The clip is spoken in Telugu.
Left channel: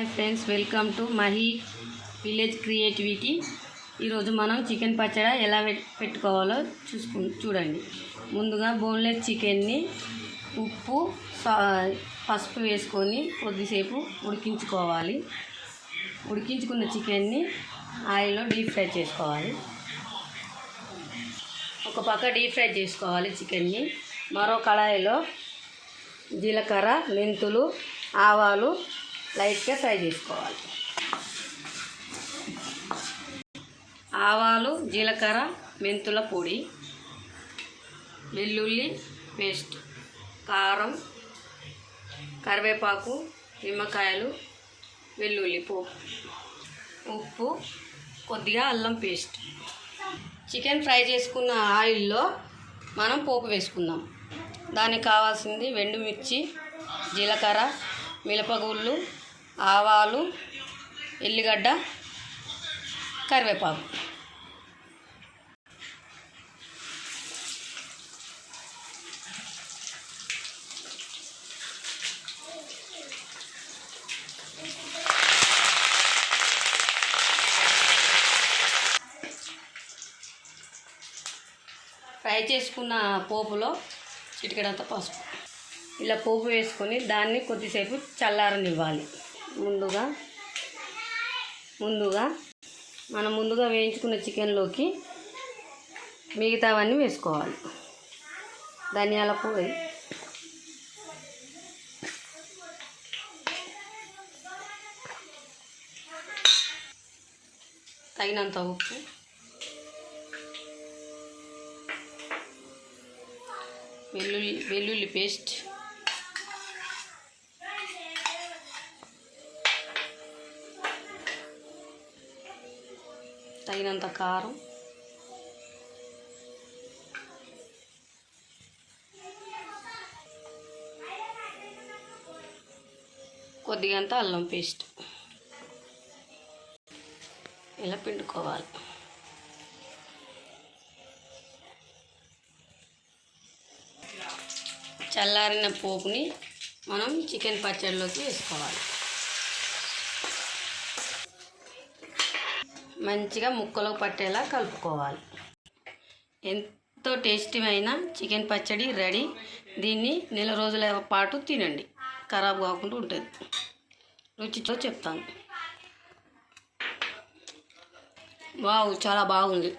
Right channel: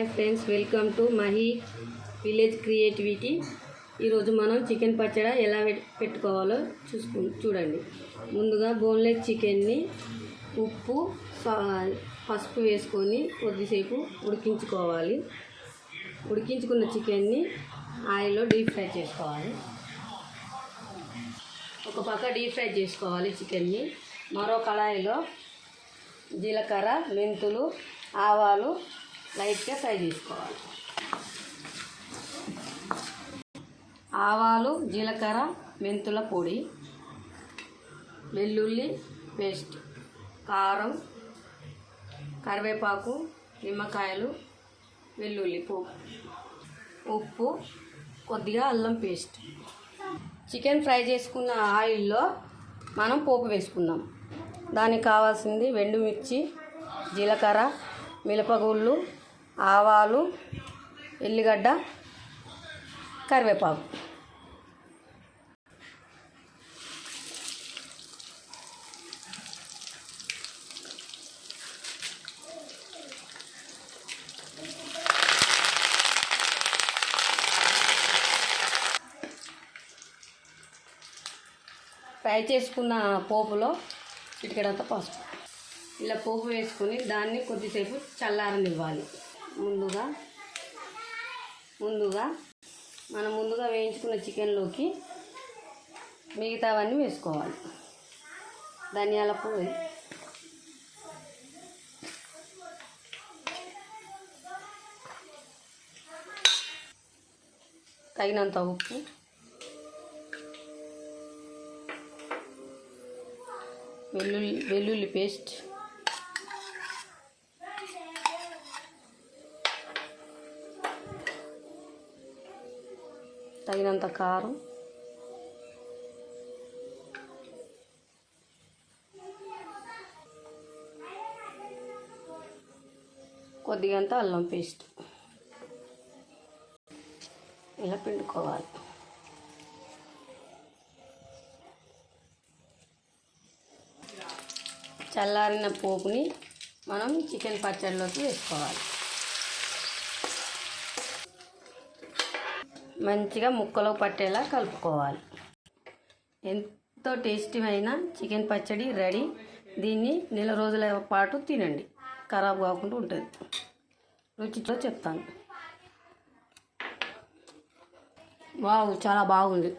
Hi friends, welcome to Mahi village creativity. ఈరోజు మనం చికెన్ పచ్చడి ఎలా పెట్టుకోవాలో చూడండి. ముందుగా బోన్లెస్ చికెన్ని ఉప్పు పసుపు వేసుకొని కొద్దిసేపు ఉడికించుకోవాలి. ఉడికించుకున్న చికెన్ని ఆయిల్లో డీప్ ఫ్రై చేసుకోవాలి. ఒక పక్క డీప్ ఫ్రై చేసుకోవాలి చికెన్ని. మరో కళాయిలో జీలకర్ర, మెంతులు, ఆవాలు లైట్గా ఫ్రై చేసుకోవాలి. ఆవాలు, జీలకర్ర, మెంతుల పొడి, వెల్లుల్లి పేస్ట్, కారం, కరివేపాకు, నిమ్మకాయలు, వెల్లుల్లి పోపు, ఉప్పు, కొద్దిగా అల్లం పేస్ట్. చికెన్ ఫ్రై చేసుకున్న ఆయిల్లో మనం పోపు వేసుకుందాం. దానికి కావాల్సింది ఎండుమిర్చి, జీలకర్ర, మిరపగుళ్ళు, ఆవాలు, ఎల్లిగడ్డ, కరివేపాకు. ఫ్రై చేసుకున్న పోపులో చిటికెడంత పసుపు. ఇలా పోపు వేసుకొని దాన్ని కొద్దిసేపు చల్లారనివ్వాలి. మనం ముందుగా వేయించుకున్న చికెన్లోకి మిగతావన్నీ వేసుకోవాలి. ధనియాల పొడి, తగినంత ఉప్పు, వెల్లుల్లి పేస్ట్, తగినంత కారం, కొద్దిగంత అల్లం పేస్ట్. ఇలా పిండుకోవాలి. చల్లారిన పోపుని మనం చికెన్ పచ్చడిలోకి వేసుకోవాలి. మంచిగా ముక్కలో పట్టేలా కలుపుకోవాలి. ఎంతో టేస్టీ అయిన చికెన్ పచ్చడి రెడీ. దీన్ని నెల రోజుల పాటు తినండి, ఖరాబ్ కాకుండా ఉంటుంది. రుచితో చెప్తాను. వావ్, చాలా బాగుంది.